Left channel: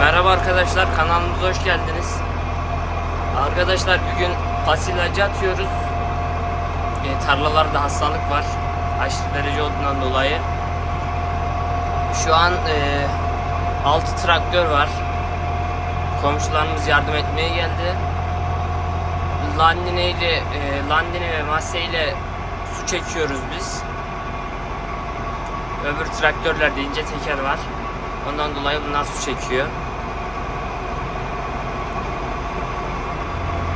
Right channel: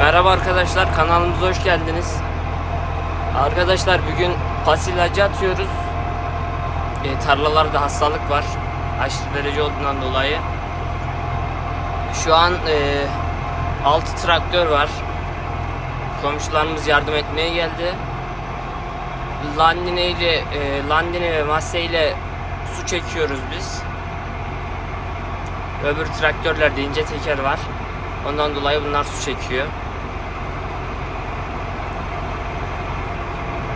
Merhaba arkadaşlar kanalımıza hoş geldiniz. Arkadaşlar bugün pas ilacı atıyoruz. E, tarlalarda hastalık var. Aşırı derece olduğundan dolayı. Şu an e, 6 traktör var. Komşularımız yardım etmeye geldi. Landine ile e, Landine ve Masse ile su çekiyoruz biz. Öbür traktörlerde ince teker var. Ondan dolayı bunlar su çekiyor.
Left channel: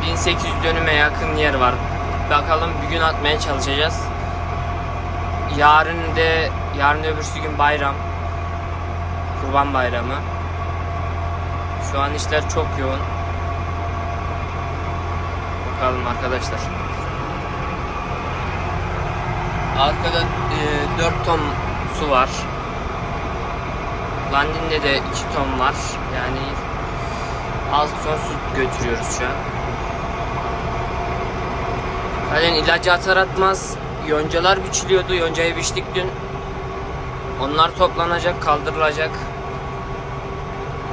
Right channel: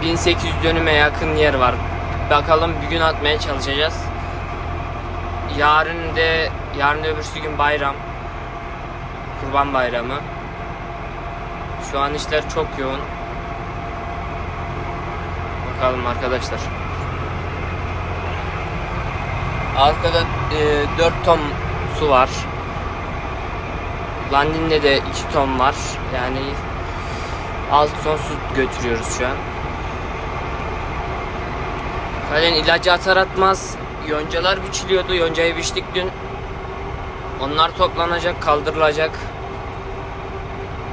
1800 dönüme yakın yer var. Bakalım bir gün atmaya çalışacağız. Yarın de yarın öbürsü gün bayram. Kurban bayramı. Şu an işler çok yoğun. Bakalım arkadaşlar. Arkada e, 4 ton su var. Landin'de de 2 ton var. Yani 6 ton su götürüyoruz şu an. Zaten ilacı atar atmaz yoncalar biçiliyordu. Yoncayı biçtik dün. Onlar toplanacak, kaldırılacak.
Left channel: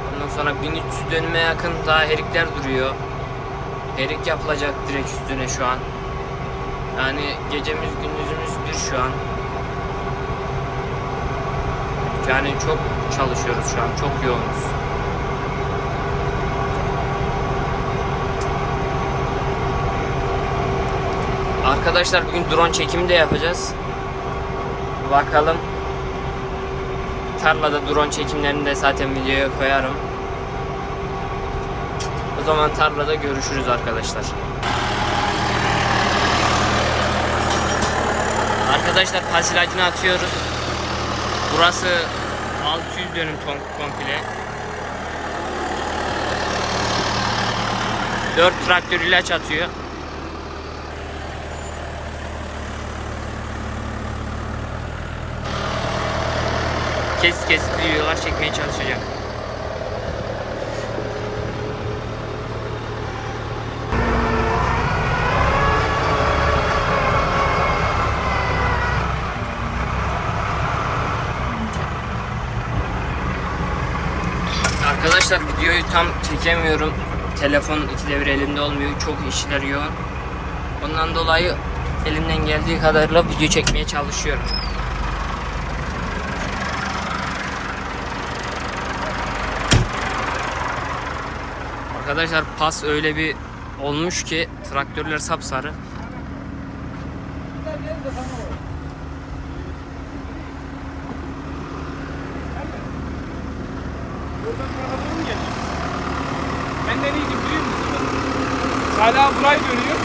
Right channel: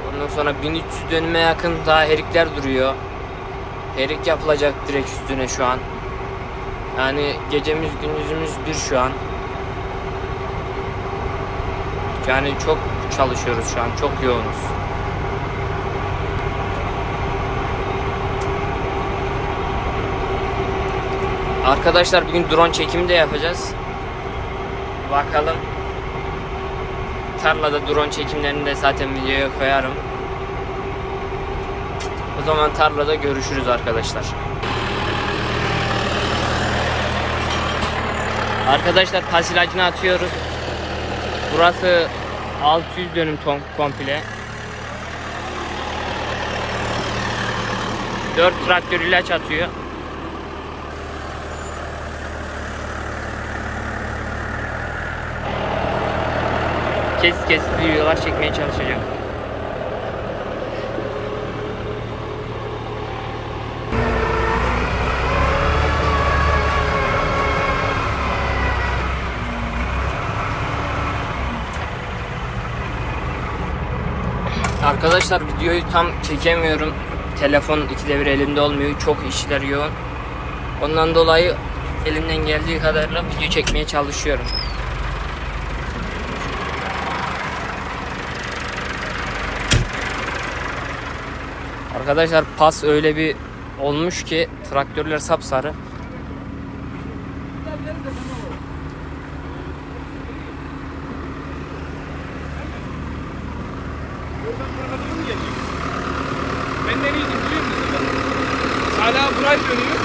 Ondan sonra 1300 dönüme yakın daha herikler duruyor. Erik yapılacak direkt üstüne şu an. Yani gecemiz gündüzümüz bir şu an. Yani çok çalışıyoruz şu an. Çok yoğunuz. Arkadaşlar bugün drone çekimi de yapacağız. Bakalım. Tarlada drone çekimlerini de zaten videoya koyarım. O zaman tarlada görüşürüz arkadaşlar. Arkadaşlar pasilacını atıyoruz. Burası 600 dönüm ton komple. 4 traktör ilaç atıyor. Kes kes videolar çekmeye çalışacağım. Arkadaşlar videoyu tam çekemiyorum. Telefon ikide bir elimde olmuyor. Çok işler yoğun. Ondan dolayı elimden geldiği kadarıyla video çekmeye çalışıyorum. Arkadaşlar pas öyle bir olmuş ki traktörler sapsarı. Ben nereye gidiyorum? Hala burayı dönüyor.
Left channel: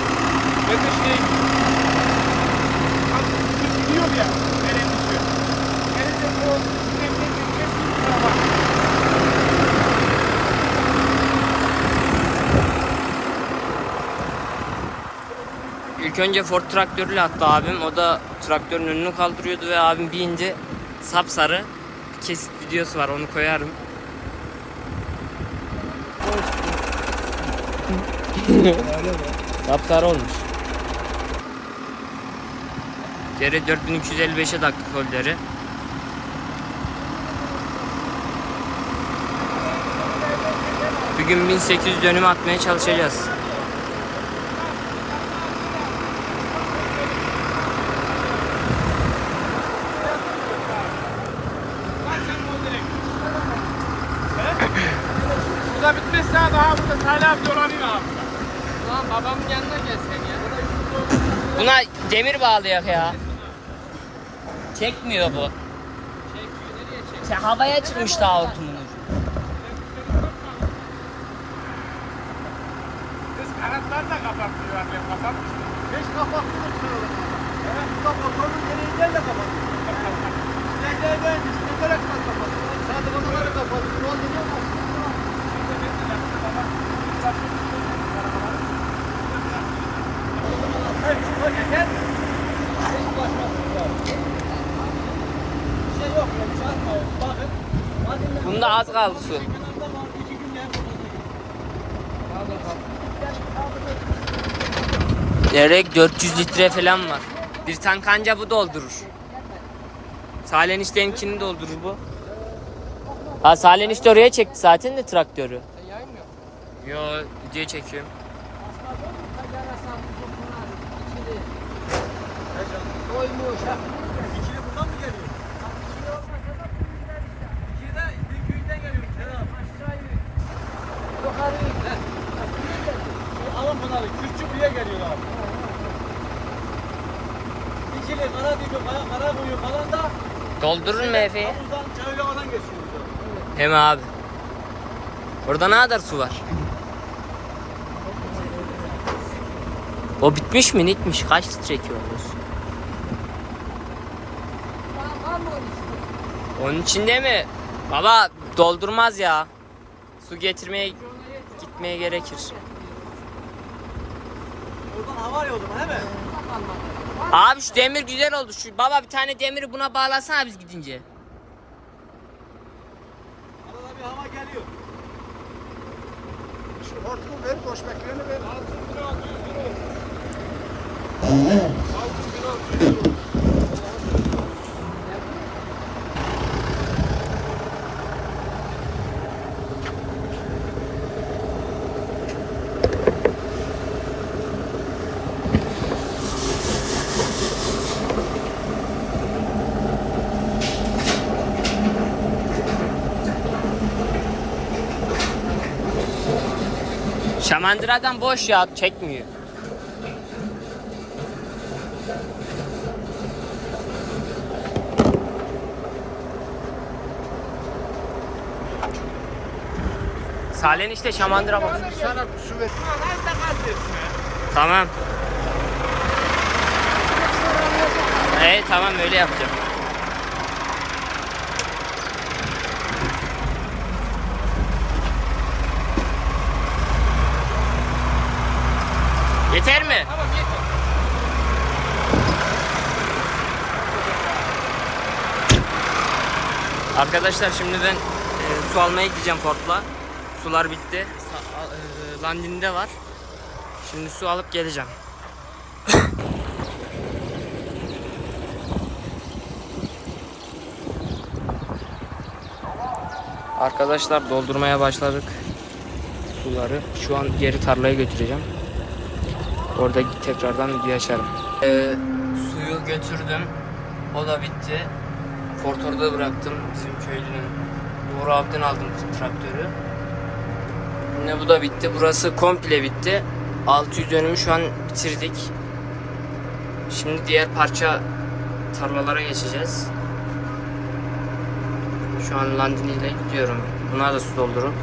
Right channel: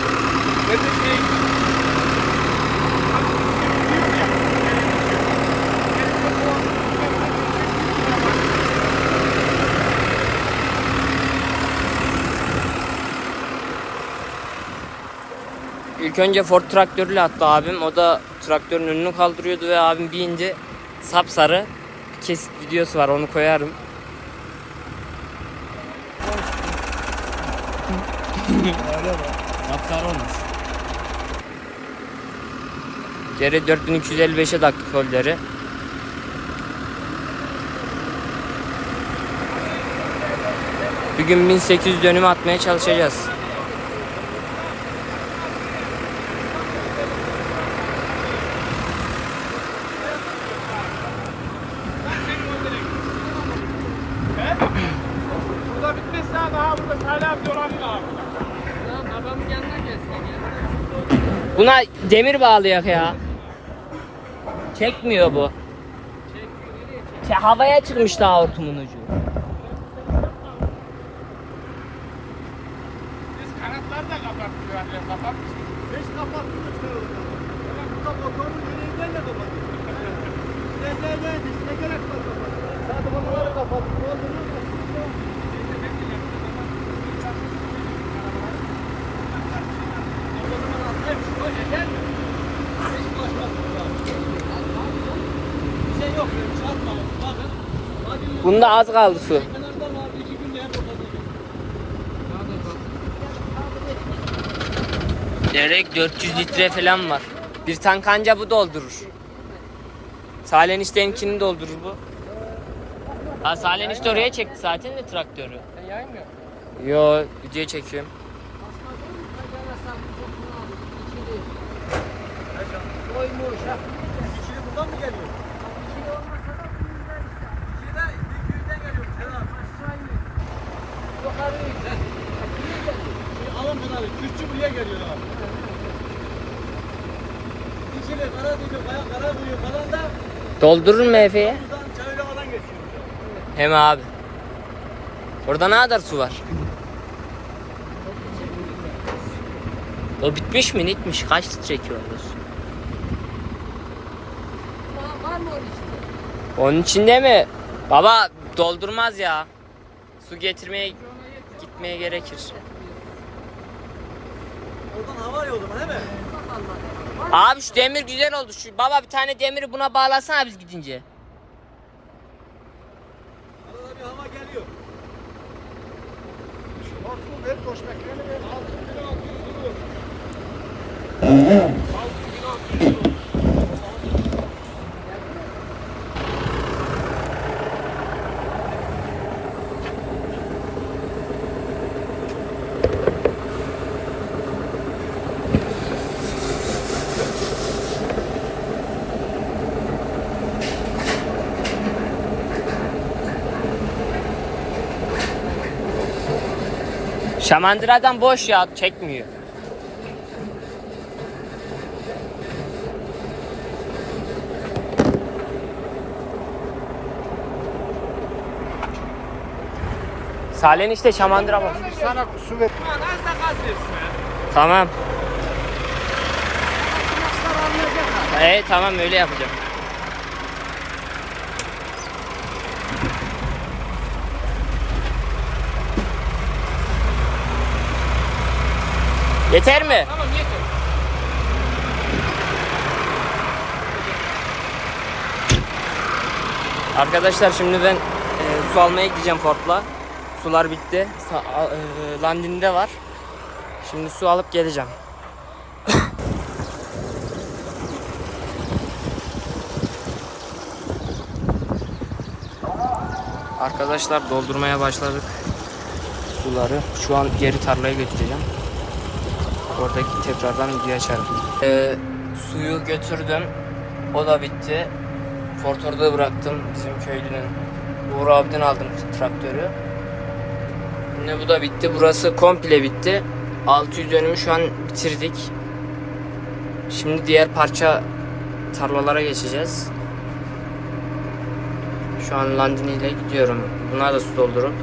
Ben de. Gidiyor ya. Nereye gidiyor? Nereye o... İlk önce Ford traktörüyle attı abim. O da traktörün önünü kaldırıyordu ve abim binince sapsarı bir kesit videosu var onu koyarım. sapsarı olmuş. Geri 4255'e taktık holleri. Bugün 1800 dönüm atmaya çalışacağız. Bu da bitmezse daha burada hala bir dolanıyor abi. Lan babamın yanına gelsen ya. Buna demir bağlayak ya. Çekmiyor bu. Çekiyor nereye çekiyor? Havaya çıkmış daha hortumun ucu. Biz kanatları da kapatmıyor annem kapatmış. Beş kapattık da şuraları. Evet, bu da motorun gel de kapattık. Ne gel gel, ne gerek var kapattık. Zaten onları kapattık. Ne oldu ne var? Bir şey yok ya, çarpma. Bakın. Hadi Bunda az kaldı su. Gerek 400 litre falan var. Bir tank anca bu doldurur. Salen isteyenkini doldurur bu. Ha Salih'in işte oraya çekti zaten de traktörü. Yo video çekiyorum. Doymuyor şart. İkili buradan mı geliyor? İkili olmasa da bu yüzden işte. İkili de büyükten geliyor. Kenan. Aşağı in. Yukarı in. İkili geliyor. Alın bunları. Kürtçü buraya geliyor abi. İkili, Karadeniz, Kara, Karabuyu falan da Doldurur mu Efe'ye? Hem abi. Orada ne kadar su var? O bitmiş mi? Nitmiş. Kaç litre çekiyoruz? Onun içinde mi? Baba doldurmaz ya. Su getirmeye gitmeye gerekir. Oradan hava arıyor o zaman değil mi? Abi şu demir güzel oldu. Şu baba bir tane demiri buna bağlasana biz gidince. Arada bir hava geliyor. Şu hortum ver, koşmak yönü ver. Altın bir altı Şamandıradan boş ya çekmiyor. Salih'in işte şamandıra boş. Sana su ver. Az da gaz versin ya. Tamam. Ee, tamam öyle yapacağım. Yeter mi? Tamam yeter. Arkadaşlar şimdi ben e, su almaya gideceğim Ford'la. Sular bitti. Sa- e, Landin'de var. Şimdi su alıp geleceğim. Arkadaşlar doldurmaya başladık suları. Şu an geri tarlaya götüreceğim. Orada tekrardan video açarım. Ee, suyu götürdüm. O da bitti. Ford orada bıraktım bizim köylünün. Uğur abiden aldım traktörü. Yine bu da bitti. Burası komple bitti. 600 dönümü şu an bitirdik. Şimdi diğer parça tarlalara geçeceğiz. Şu an Landini ile gidiyorum. Buna da su doldurup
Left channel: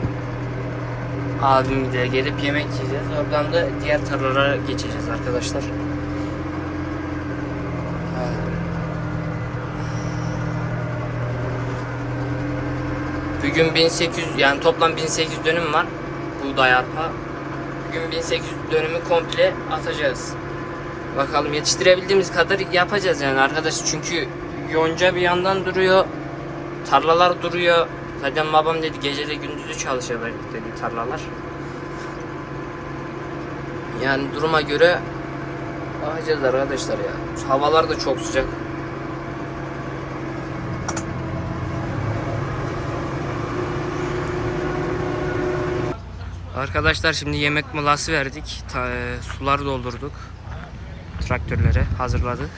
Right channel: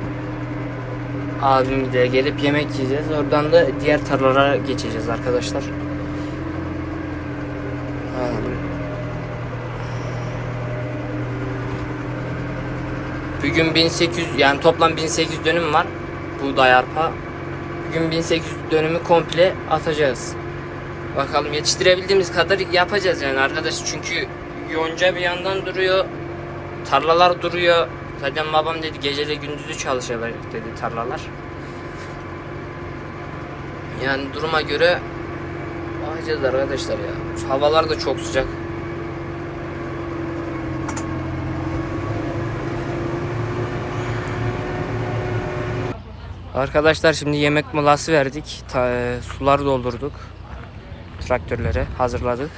abim de gelip yemek yiyeceğiz. Oradan da diğer tarlalara geçeceğiz arkadaşlar. Ha, Bugün 1800 yani toplam 1800 dönüm var. Buğday arpa. Bugün 1800 dönümü komple atacağız. Bakalım yetiştirebildiğimiz kadar yapacağız yani arkadaş. Çünkü yonca bir yandan duruyor. Tarlalar duruyor. Zaten babam dedi gecede gündüzü çalışacak dedi tarlalar. Yani duruma göre bakacağız arkadaşlar ya. Havalar da çok sıcak. Arkadaşlar şimdi yemek molası verdik. Ta, e, sular doldurduk. Traktörlere hazırladık.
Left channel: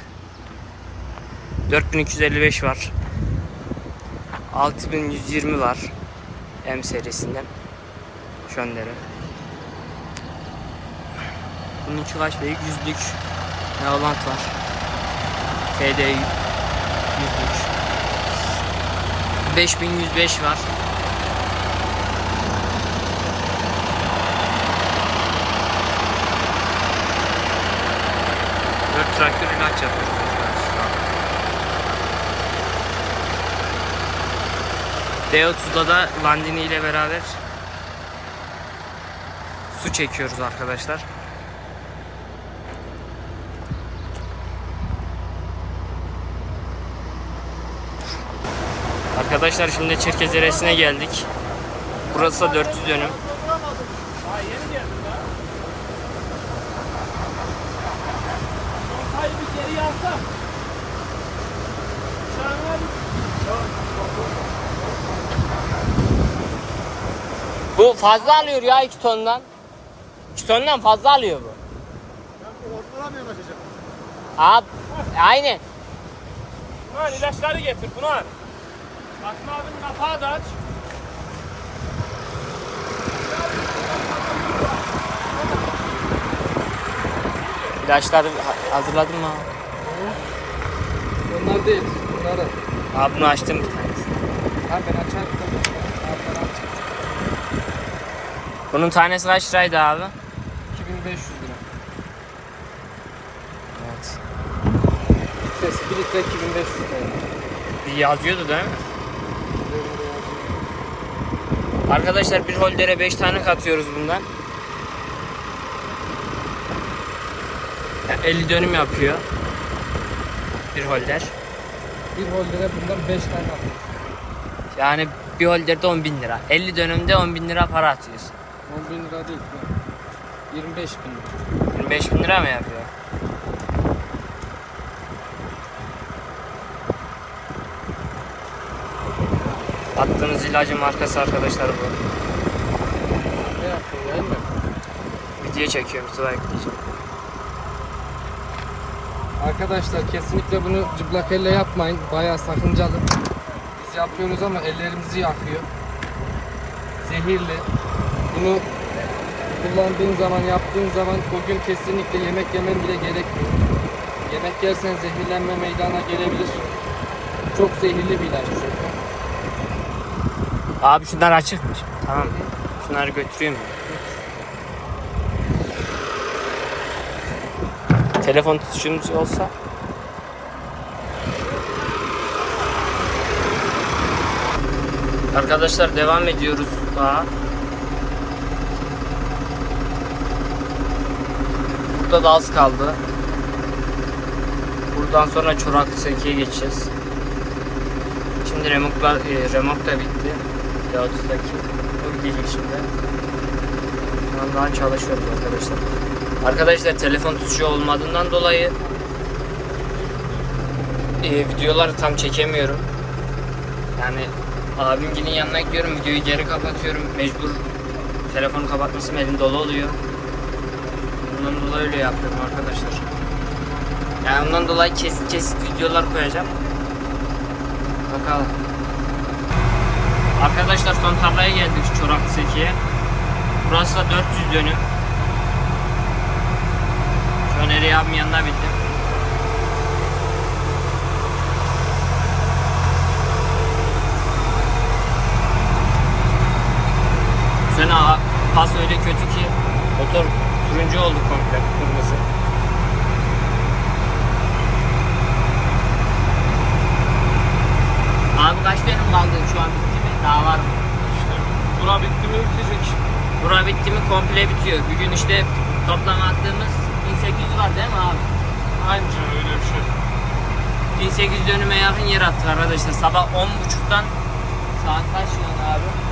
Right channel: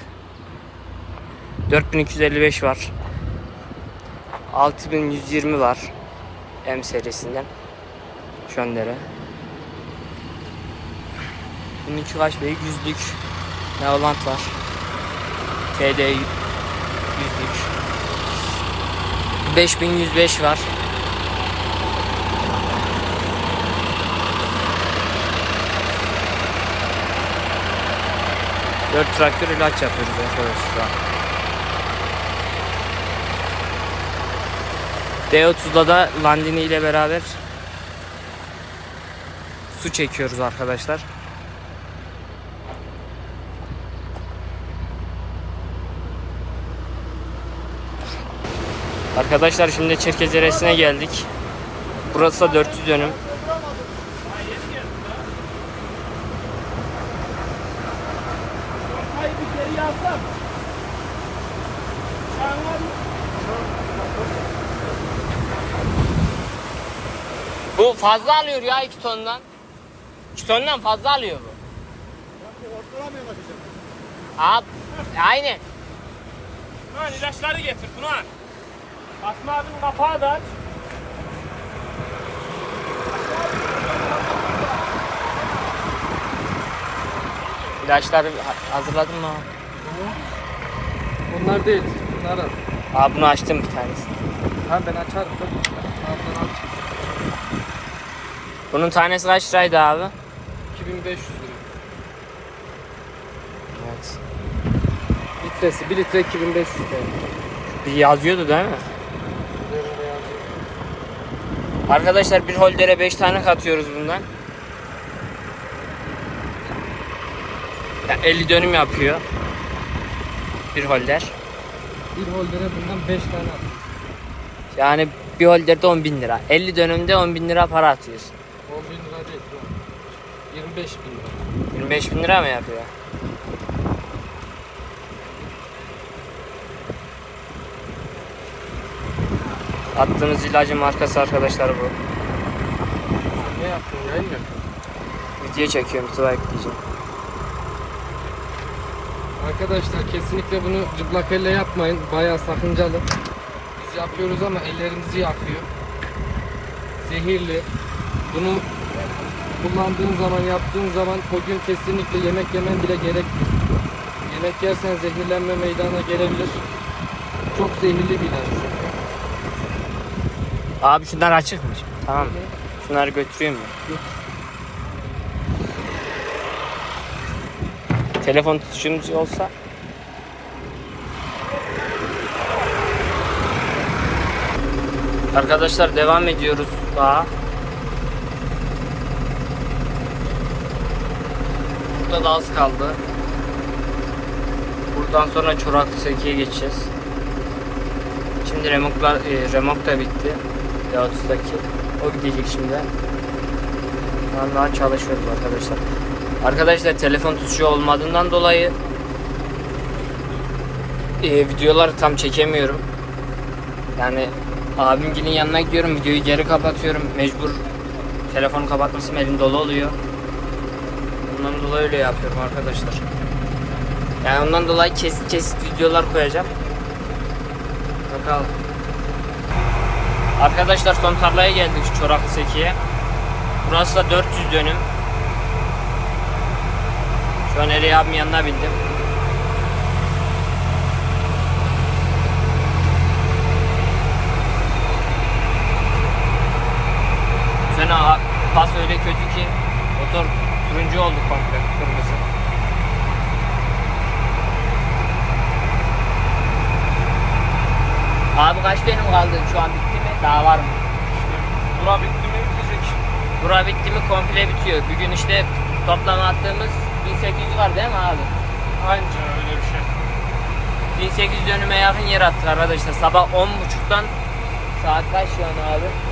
4255 var. 6120 var. M serisinden. Şöndere. Bununki kaç bey? Yüzlük. Neolant var. TD yüzlük. 5105 var. Dört traktör ilaç yapıyoruz arkadaşlar şu an. D30'da da Landini ile beraber su çekiyoruz arkadaşlar. Arkadaşlar şimdi Çerkezeresine geldik. Burası da 400 dönüm. Hayır bir geri yazsam. Şahane bir. Bu fazla alıyor ya 2 tondan. 2 tondan fazla alıyor bu. Abi aynen. Tuna ilaçları getir Tuna. Aslı abinin kapağı da aç. İlaçları ha- hazırladın mı abi? Onlar değil. Bunları. Abi bunu açtım bir tanesi. Ha ben açarım. Abi ben açarım. Bunun tanesi kaç liraydı abi? 2500 lira. Evet. Litresi 1 litre 2500 lira. Bir yazıyordu değil mi? Arkadaşlar bir holdere 5 tane katıyoruz bundan. Ya 50 dönüm yapıyor. Bir holder. Bir holdere bundan 5 tane al. Yani bir holderde 10 bin lira. 50 dönümde 10 bin lira para atıyorsun. 10 bin lira değil. ya. 25 bin lira. 25 bin lira mı yapıyor? Attığımız ilacın markası arkadaşlar bu. Ne yaptın? Yayın mı? Video çekiyorum sıra ekleyeceğim. Arkadaşlar kesinlikle bunu cıplak elle yapmayın. Bayağı sakıncalı. Biz yapıyoruz ama ellerimizi yakıyor. Zehirli. Bunu kullandığın zaman, yaptığın zaman o gün kesinlikle yemek yemen bile gerekmiyor. Yemek yersen zehirlenme meydana gelebilir. Çok zehirli bir ilaç çünkü. Abi şunlar açıkmış. Tamam. Şunları götüreyim mi? Telefon tutuşumuz olsa Arkadaşlar devam ediyoruz daha. Burada da az kaldı. Buradan sonra Çoraklı Söke'ye geçeceğiz. Şimdi remoklar, e, remok da bitti. Deotus'taki. O değil şimdi. Şu an daha çalışıyoruz arkadaşlar. Arkadaşlar telefon tuşu olmadığından dolayı e, videoları tam çekemiyorum. Yani abimginin yanına gidiyorum videoyu geri kapatıyorum. Mecbur telefonu kapatmasım elim dolu oluyor. Bundan dolayı öyle yapıyorum arkadaşlar. Yani ondan dolayı kesit kesit videolar koyacağım. Bakalım. Arkadaşlar son tarlaya geldik Çoraklı Seki'ye. Burası da 400 dönüm. Şu an Eri abimin yanına bindim. A- pas öyle kötü ki motor turuncu oldu komple kırmızı. Abi kaç dönüm kaldı şu an bitti mi? Daha var mı? Bura bitti mi bitecek. Bura bitti mi komple bitiyor. Bugün işte toplam attığımız 1800 var değil mi abi? Anca öyle bir şey. 1800 dönüme yakın yer attık arkadaşlar. Sabah 10.30'dan saat kaç şu an abi?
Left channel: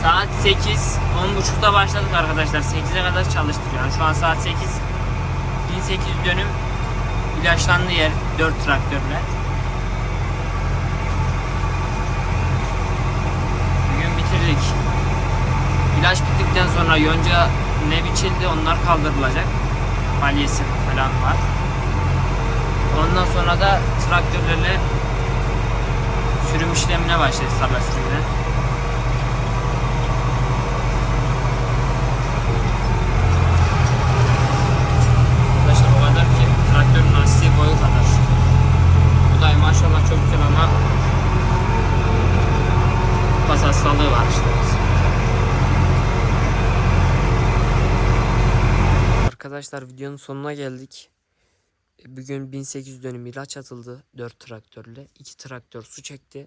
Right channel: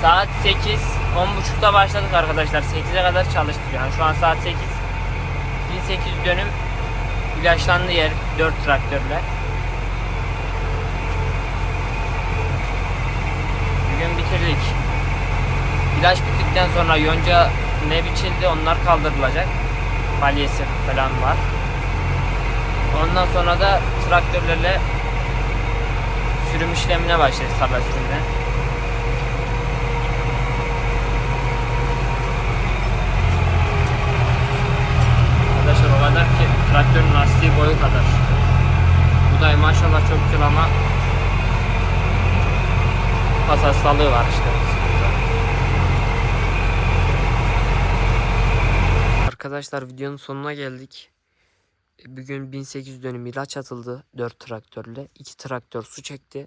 8. Saat 8. 10.30'da başladık arkadaşlar. 8'e kadar çalıştık yani. Şu an saat 8. 1800 dönüm ilaçlandı yer 4 traktörle. Bugün bitirdik. İlaç bittikten sonra yonca ne biçildi onlar kaldırılacak. Balyesi falan var. Ondan sonra da traktörlerle sürüm işlemine başlayacağız tarla sürümüne. Arkadaşlar o kadar ki lastiği boyu kadar. Bu da maşallah çok güzel ama pas hastalığı var işte. Arkadaşlar videonun sonuna geldik. Bugün 1800 dönüm ilaç atıldı 4 traktörle. 2 traktör su çekti.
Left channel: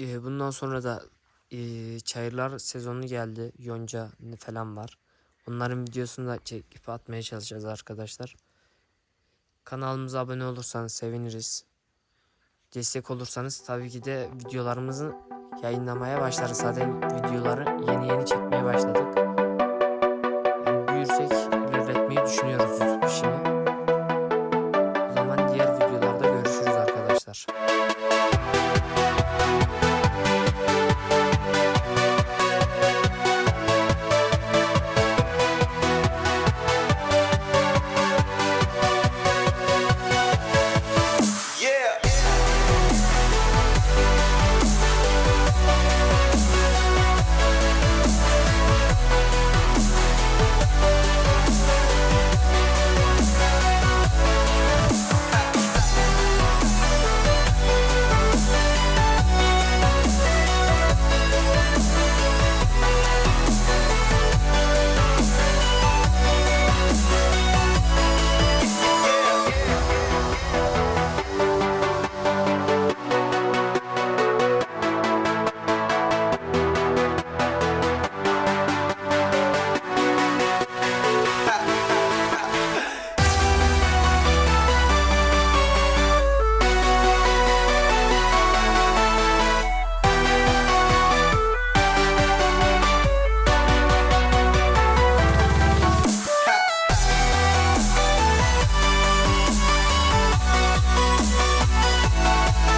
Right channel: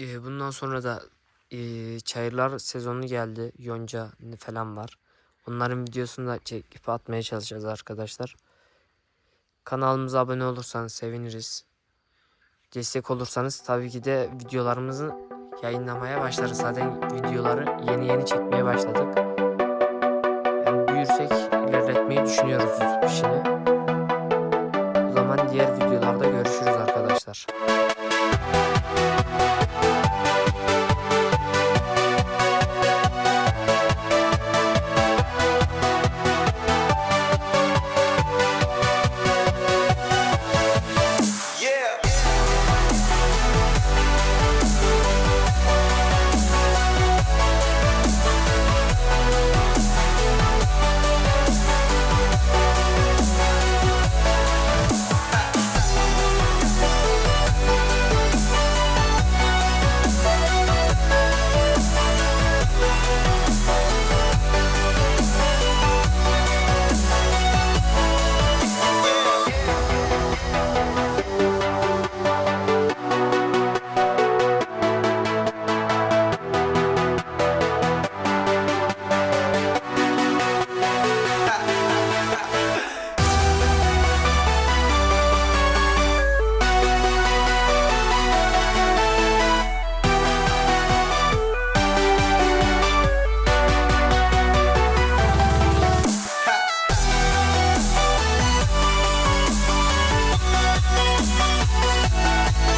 Ee, Bundan sonra da e, çayırlar sezonu geldi. Yonca falan var. Onların videosunu da çekip atmaya çalışacağız arkadaşlar. Kanalımıza abone olursanız seviniriz. Destek olursanız tabii ki de videolarımızı yayınlamaya başlarız. Zaten videoları yeni yeni çekmeye başladık. Yani büyürsek ilerletmeyi düşünüyoruz YouTube işini. O zaman diğer videolarda görüşürüz arkadaşlar.